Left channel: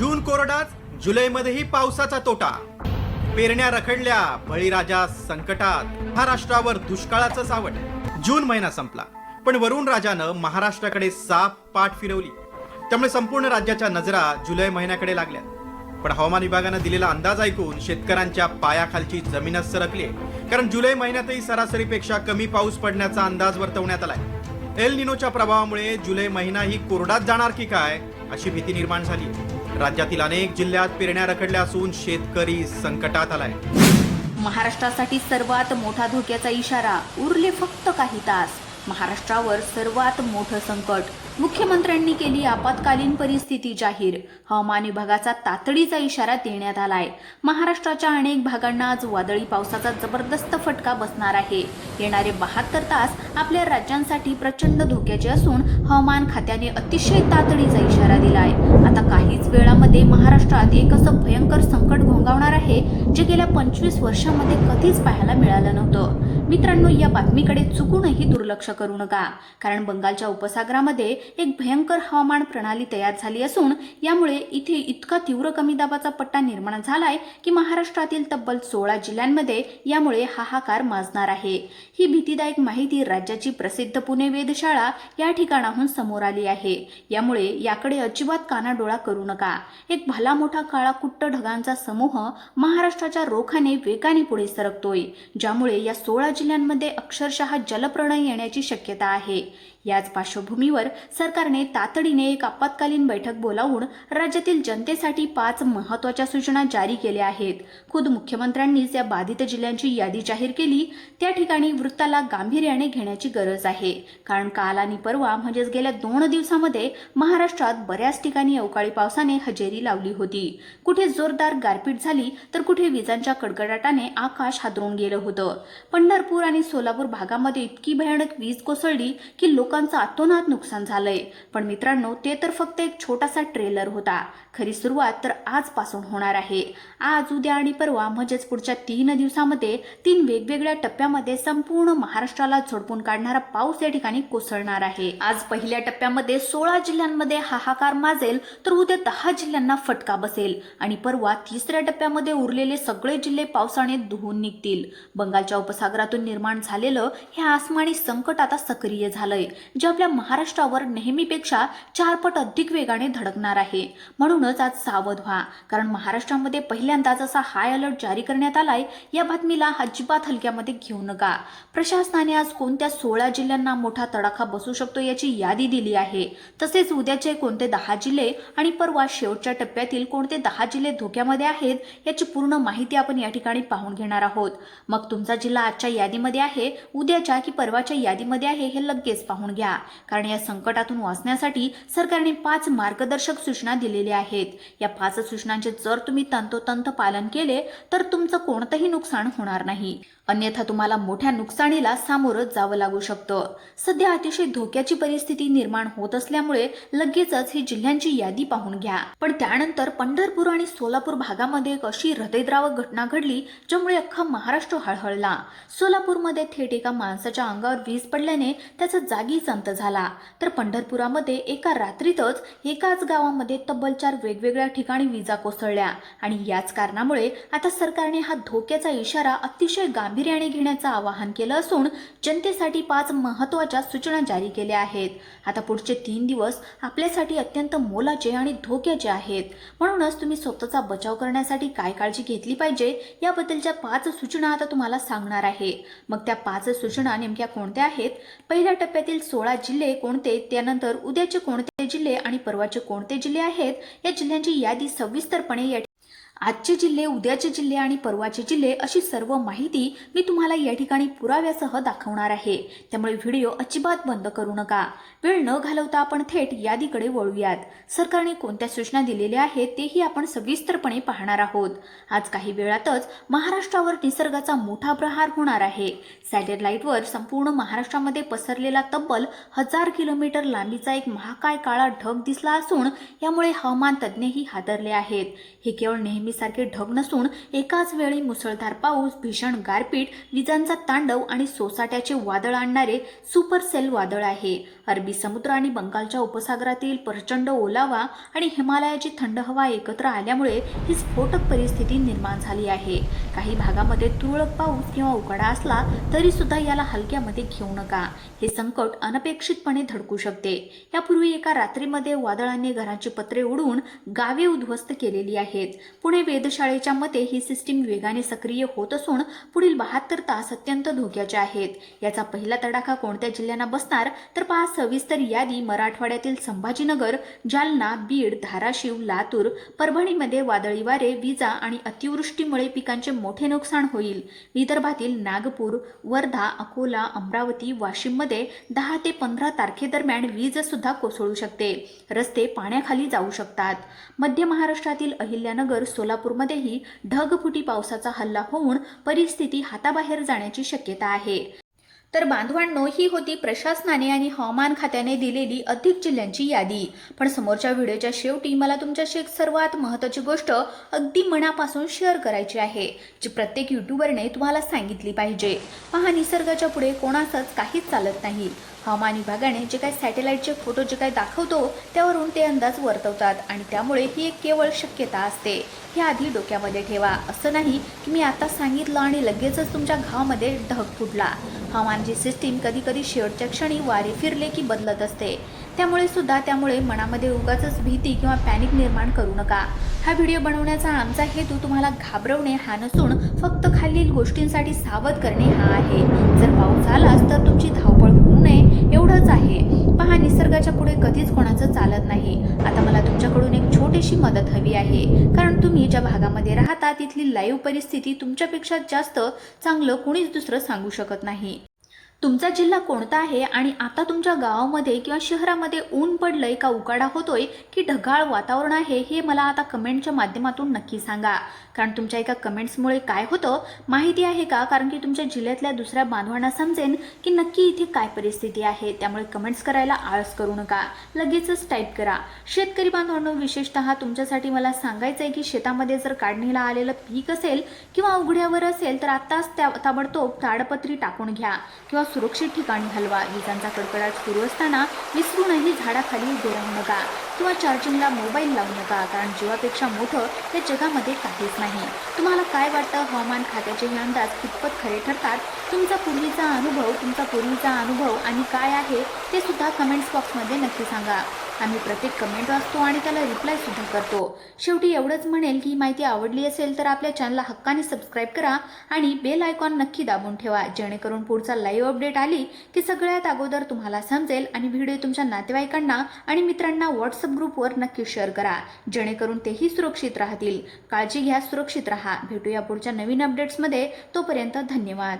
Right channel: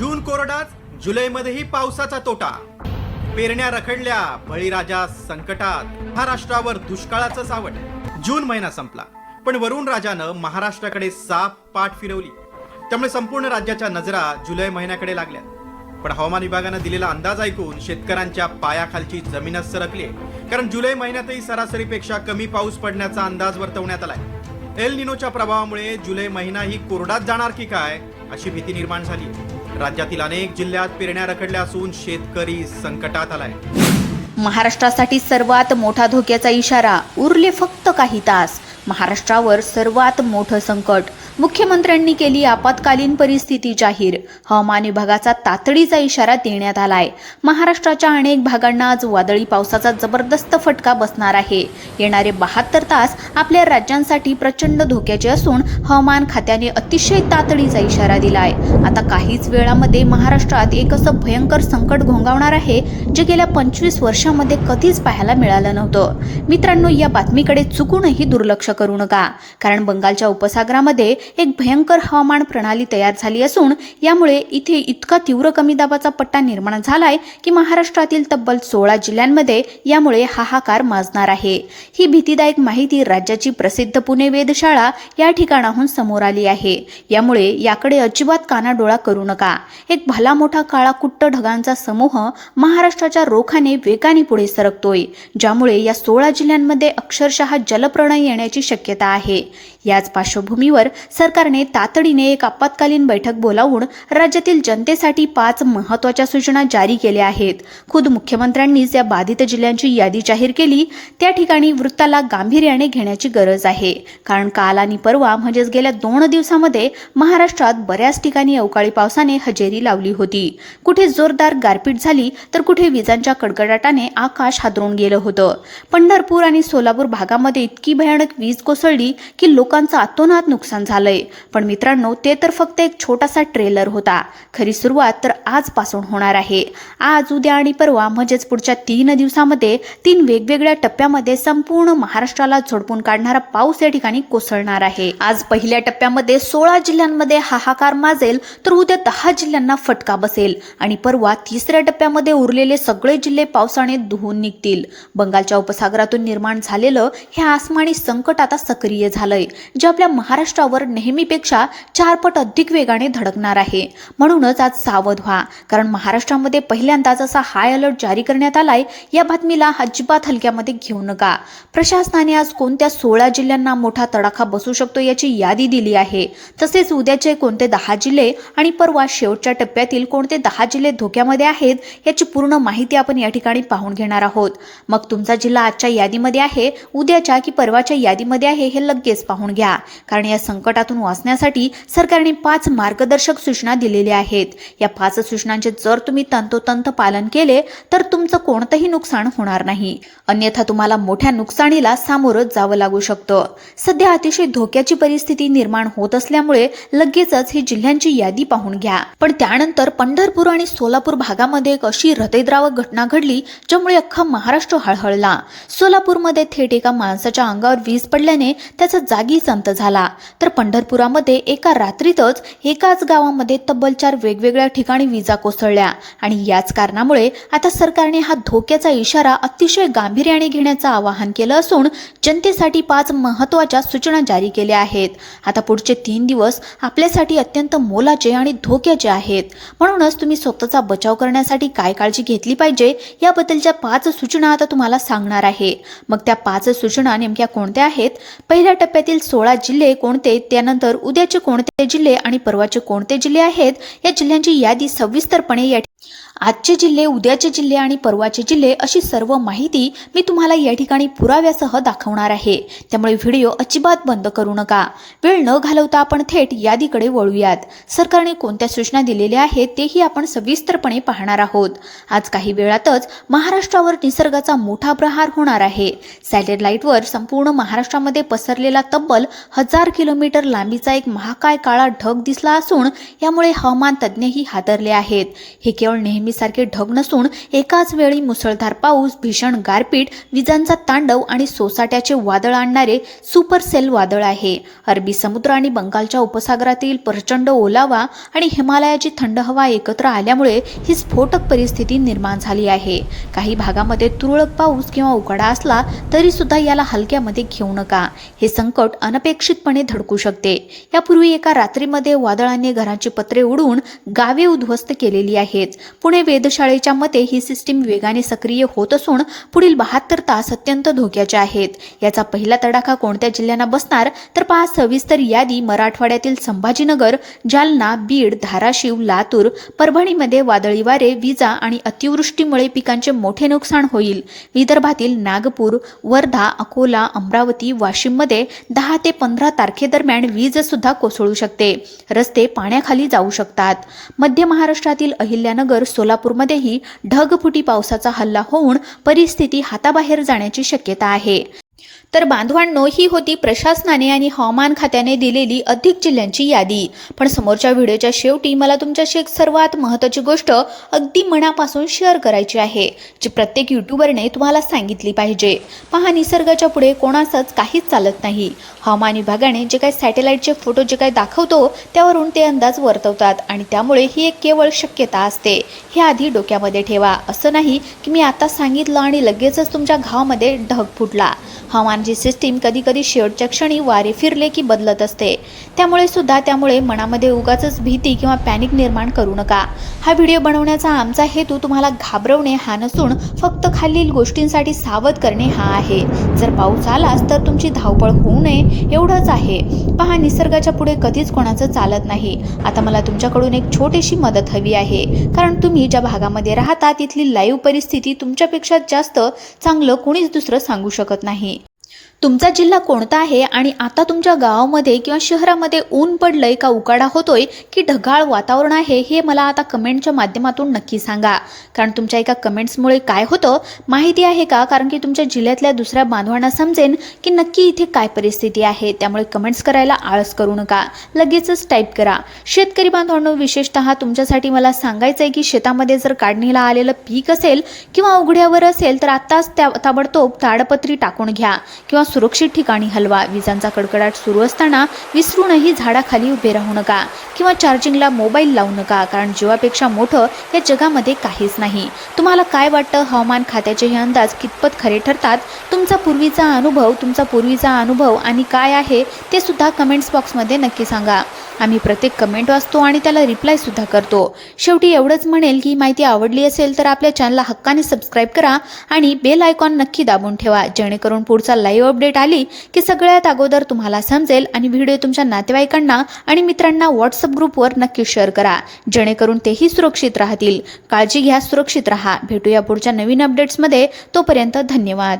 जून कोरडाच, जुलैमध्येही पावसाचा तोटा. पेरण्या रखडल्या, बळीराजा संकटात, महाराष्ट्रावर दुष्काळाचं सावट. जून महिना संपला, पण वरुण राजानं महाराष्ट्राकडे साफ पाठ फिरवली. त्यामुळे संपूर्ण राज्याच्या नजरा जुलै महिन्याकडे लागल्या. पण हवामान विभागानं दिलेला अंदाज ऐकून शेतकऱ्यांच्या पायाखालची जमीनच सरकली आहे. कारण जुलै महिन्यातही सरासरीपेक्षा कमी पाऊस पडण्याचा अंदाज वर्तवण्यात आलाय. एल निनोच्या प्रभावामुळे जुलै महिना ही कोरडाच जाणार की काय अशी भीती निर्माण झाली. राज्यातील अनेक जिल्ह्यात पेरण्या रखडल्या असून शेतकरी संकटात आलाय. महाराष्ट्रासाठी सर्वात मोठा धोक्याचा इशारा. उरले फक्त काही तास. महाराष्ट्रावर सर्वात मोठं संकट. मुख्यमंत्र्यांनी केली आपत्कालीन परिस्थिती जाहीर. हवामान विभागाचा तातडीचा इशारा देण्यात आलाय. महाराष्ट्राच्या अनेक भागांना आज वादळी पावसाचा जबरदस्त फटका बसणार आहे. येणारे 72 तास आपल्या राज्यांसाठी प्रचंड धोक्याचे असून हवामान खात्याने अतिशय तातडीचा इशारा दिलाय. आता काहीच वेळामध्ये महाराष्ट्रात एक असं भयंकर संकट घोंगावणार आहे जे गेल्या 25 वर्षांमध्ये कधीच पाहायला मिळालं नव्हतं. मित्रांनो, या बातमीकडे चुकूनही दुर्लक्ष करू नका, कारण बंगालच्या उपसागरामध्ये एक भयंकर हवामान प्रणाली तयार झाली असून यामुळे इथे इतका तीव्र कमी दाबाचा पट्टा निर्माण झालाय की महाराष्ट्रातील तब्बल 16 जिल्ह्यांमध्ये यामुळे हाहाकार माजणार आहे. ही भीतीदायक माहिती राज्याची प्रसिद्ध पुणे वेधशाळा या ठिकाणाहून समोर आली आहे. यामुळे याकडे अजिबात कानाडोळा करू नका. एक भला मोठा काळा कुट्ट ढगांचा समूह महाराष्ट्राच्या रोखाने वेगाने पुढे सरकतोय, ज्यामुळे या 16 जिल्ह्यांमध्ये अक्षरशः जलप्रळय येण्याची शक्यता आहे. याच पार्श्वभूमीवर सरकारने तातडीने एक आपत्कालीन बैठक बोलावून राज्यातील जनतेसाठी 5 महत्त्वाच्या सूचना जारी केल्या आहेत. खुद मुख्यमंत्र्यांनीच या बाधित जिल्ह्यांची यादी जाहीर केली. त्या ठिकाणी वृत्ताला गांभीर्याने घेण्याची गरज आहे, कारण काल आणि परवा म्हणजेच गेल्या 2 दिवसांमध्ये महाराष्ट्रात बऱ्याच ठिकाणी अवकाळी पावसाने हजेरी लावली होती. कुठे जोरदार गारपीट झाली तर कुठे विजांच्या कडकडाटाने आकाश हादरून गेलं होतं. पंढरपूर आणि सोलापूर भागामध्ये इतकी भयानक वीज कोसळली की लोकांचं अतोनात नुकसान झालंय. पण मित्रांनो, ते तर फक्त एक छोटासा ट्रेलर होता. खरी सुरुवात तर आजपासून होणार आहे. आज, उद्या आणि परवा म्हणजेच पुढच्या 3 दिवसामध्ये 3 वेगवेगळ्या टप्प्यामध्ये संपूर्ण महाराष्ट्राला झोडपून काढणारा पाऊस या ठिकाणी कोसळणार आहे. आज पहिल्या टप्प्यामध्ये 16 जिल्ह्यांमध्ये हाहाकार माजेल, तर उद्या 10 जिल्ह्यांना फटका बसेल आणि परवा 3ऱ्या टप्प्यामध्ये उरलेले सगळे जिल्हे पावसाने धुवून निघतील. बंगालच्या उपसागरातून निर्माण झालेलं हे आसमानी संकट आता सक्रिय झालंय, जे आपल्या महाराष्ट्रावर नेहमीपेक्षा 4 पट अधिक वेगाने धडकणार आहे. म्हणूनच आज सावध व्हा, कारण महाराष्ट्रामध्ये पहिल्यांदाच असा हाय अलर्ट जारी करण्यात आलाय. या बातमीला अजिबात हलक्यामध्ये घेऊ नका. प्रशासनाने आज कोणत्या 16 जिल्ह्यांना मोठा तडाखा बसू शकतो याची यादी दिली आहे. तसेच उद्याचे कोणते 10 जिल्हे आणि परवा शेवटच्या टप्प्यातील कोणते 10 जिल्हे धोक्यामध्ये आहेत याची पूर्ण माहिती आपण या ठिकाणी पाहून घेणार आहोत. मग तुमचा जिल्हा आजच्या यादीमध्ये आहे, उद्याच्या की परवाच्या यादीमध्ये आहे हे लगेच पाहून घ्या, कारण या संकटातून वाचण्यासाठी सरकारने 5 मार्गदर्शक सूचना दिलेल्या आहेत. या 5 सूचनांचे जर तुम्ही तंतोतंत पालन केले तर तुमचं कोणतंही नुकसान होणार नाही, अन्यथा तुम्हाला मोठ्या नुकसानीला सामोरं जावं लागू शकतं. सध्या अतिशय धोक्याची परिस्थिती निर्माण होत असल्यामुळे लगेचच ही जिल्ह्यांची यादी पाहून घ्या. पण त्यानंतर पंढरपूर आणि सोलापूर भागामध्ये एक अशी हृदयद्रावक घटना घडली ज्यामुळे अख्खा महाराष्ट्र हळहळला. सोलापूरमध्ये थेट एका माणसाच्या अंगावर वीज पडल्याने त्याचा जागीच अंत झाला, तर पंढरपुरामध्ये एका रात्रीतच एकाच गावामध्ये तब्बल 4 वेगवेगळ्या ठिकाणी विजा कोसळल्या. आणि याच कारणामुळे आता सरकारने हा धोक्याचा इशारा अतिशय गांभीर्याने घेण्याचं आवाहन केलं असून जनतेसाठी 5 महत्त्वाच्या सूचना जारी केल्या आहेत. आता पुढचे 3 दिवस आपल्यासाठी अत्यंत मोलाचे आणि धोक्याचे आहेत. म्हणूनच तुम्ही स्वतःचा बचाव करण्यासाठी काय काळजी घेतली पाहिजे याबद्दलच्या 5 सूचना आता तुम्हाला सांगणार आहे. मग त्या 5 सूचना नेमक्या कोणत्या आहेत, पहिल्या टप्प्यातील 16 जिल्हे कोणते, त्यानंतर उद्याचे कोणते जिल्हे आणि परवाचे कोणते जिल्हे आहेत, या जिल्ह्यांची यादी सविस्तरपणे या आजचे जिल्हे, उद्याचे जिल्हे आणि परवाचे जिल्हे अशी सर्व माहिती मी तुम्हाला या ठिकाणी पुराव्यासह दाखवणार आहे. त्यामुळे व्हिडिओ अजिबात बंद करू नका. वेळ न घालवता आपण थेट यादीकडे वळूयात. सरकारने कोणत्या सूचना दिलेल्या आहेत तेही आपण सविस्तरपणे पाहणार आहोत. आज काही वेळातच महाराष्ट्रावर निसर्गाचा मोठा प्रहार होणार आहे. सॅटेलाइटवर संपूर्ण महाराष्ट्रामध्ये पसरलेला तब्बल 1000 किलोमीटर लांबीचा एक महाकाय काळा ढग दिसला असून यामुळे हवामान तज्ज्ञही हादरले आहेत. हे केवळ नेहमी नेहमीसारखे ढग नसून एकाच वेळी मुसळधार पाऊस, भीषण गारपीट, विजांचा तांडव आणि सोसाट्याचे वादळ आणणारे सुपर सेल वादळ आहे. अरबी समुद्र आणि बंगालच्या उपसागरातील प्रचंड ओलावा आणि हिमालयाची थंड हवा एकत्र आल्यामुळे ही स्फोटक परिस्थिती निर्माण झाली आहे. काही भागामध्ये तुरळक पाऊस किंवा उकाडा असला तरी सुद्धा याला हलक्यामध्ये घेऊ नका. हे संकट अनपेक्षितपणे धडकू शकते. यापूर्वी एका रात्रीमध्ये वादळाने घरांची पत्रे उडवून गावे उद्ध्वस्त केलेली आहेत. पुणे वेधशाळेच्या मते ही सिस्टीम वेगाने सक्रिय होत असून पुढील 72 तास अत्यंत धोक्याचे आहेत. याचा पहिला तडाखा कोणत्या जिल्ह्यांना बसणार तर पहा सविस्तर यादी. मराठवाड्यातील संभाजीनगर, जालना, बीड, धाराशिव, लातूर, परभणीमध्ये वादळी वारे, विजा आणि अतिवृष्टीमुळे पिकांचे मोठे नुकसान होईल. विदर्भातील नागपूर, वर्धा, अकोला, अमरावती, वाशिममध्ये 10 ते 15 तारखेदरम्यान वीज सुद्धा कोसळू शकते. रस्ते पाण्याखाली जाऊ शकतात. मध्य महाराष्ट्रातील अहिल्यानगर, सोलापूरमध्येही ढगफुटी पावसाचा हल्ला होऊन परिस्थिती हाताबाहेर जाण्याची शक्यता आहे. तर बांधवांनो, ही होती प्रशासनाने आणि हवामान खात्याने दिलेली अधिक जिल्ह्यांची यादी. पण समोरच्या व्हिडिओच्या शेवटी मला तुमच्याशी एक सर्वात महत्त्वाची गोष्ट अगदी मनापासून शेअर करायची आहे, जी प्रत्येक यूट्यूबरने तुम्हाला सांगितली पाहिजे. पहा, निसर्गाच्या पुढे कोणाचंच काहीच चालत नाही. हवामान विभागाने जे काही सॅटेलाईटचे फोटो जे काही दाखवतो त्यावरून ते अंदाज वर्तवतात आणि त्यामुळे ही एक केवळ शक्यता असते. हे आधी डोक्यामध्ये ठेवा. असं नाही की मी आता सांगितलं आणि लगेचच तुमच्या घावामध्ये ढग फुटला. हवामानाची सिस्टीम कधी कधी शेवटच्या क्षणी वारे फिरले की बदलत असते. त्यामुळे मनामध्ये उगाचच भीती किंवा पॅनिक निर्माण करू नका. हा व्हिडिओ बनवण्याचा आमचा हेतू तुम्हाला घाबरवणे हा नसून फक्त खालील गोष्टींसाठी सावध करणे हा आहे. जर पाऊस आलाच तर तुमची धावपळ होऊ नये एवढंच आहे. पहा, निसर्गाच्या पुढे कधीच कोणाचं चालत नाही. आता मला तुमच्याकडून एक छोटीशी मदत हवी आहे, कारण तुम्ही ज्या भागामध्ये राहता तिथली लाईव्ह परिस्थिती तुमच्यापेक्षा जास्त चांगलं कोणीच दुसरं सांगू शकत नाही. तुमचा जिल्हा कोणता आहे आणि आता तुमच्या गावामध्ये किंवा शहरामध्ये ऊन पडलंय का उकाडा होतोय की ढगाळ वातावरण आहे, हे मला आता कमेंटच्या माध्यमातून नक्की सांगा. कारण तुमच्या एका कमेंट्समुळे काय होतं माहिती आहे का? कारण की तुमच्या जिल्ह्यातल्या दुसऱ्या बांधवांना समजेन की नक्की इथे काय परिस्थिती आहे. त्यामुळे कमेंट्स करायला आळस करू नका, लगेचच टाईप करा. शेतकरी बांधवांनो, विशेषतः तुमच्यासाठी मला सांगायचं आहे की शेतामध्ये जर काढणीला आलेलं पीक असेल किंवा उघड्यावर असेल तर आत्ताच ताबडतोब ताडपत्री टाकून घ्या किंवा सुरक्षित ठिकाणी हलवा. विजांचा कडकडाट सुरू असताना विसरूनही झाडाखाली उभे राहू नका किंवा चार्जिंगला मोबाईल लावू नका, कारण जीवापेक्षा मोठं या जगामध्ये काहीच नाही. तुम्हाला काय वाटतं, हवामान खात्याचे हे अंदाज कितपत खरे ठरतात? तुमचा पूर्वीचा अनुभव आणि काय आहे ते सुद्धा कमेंट्स बॉक्समध्ये नक्की सांगा. आम्ही प्रत्येक कमेंट वाचतो आणि त्याला रिप्लाय सुद्धा करतो. शेवटी एवढंच म्हणेल की माहिती आवडली असेल तर आपल्या चॅनलला हक्काने सबस्क्राईब करा आणि बेल आयकॉन नक्की दाबून ठेवा, जेणेकरून पुढचा लाईव्ह अपडेट आली की सगळ्यात अगोदर तुम्हाला समजेल. आणि व्हिडिओ तुमच्या नातेवाईकांना आणि मित्रांना व्हॉट्सअप ग्रुपवर नक्की शेअर करा, जेणेकरून तेही सुरक्षित राहतील. काळजी घ्या, सुरक्षित राहा. भेटूया पुढच्या नवीन अपडेट्समध्ये. तोपर्यंत धन्यवाद.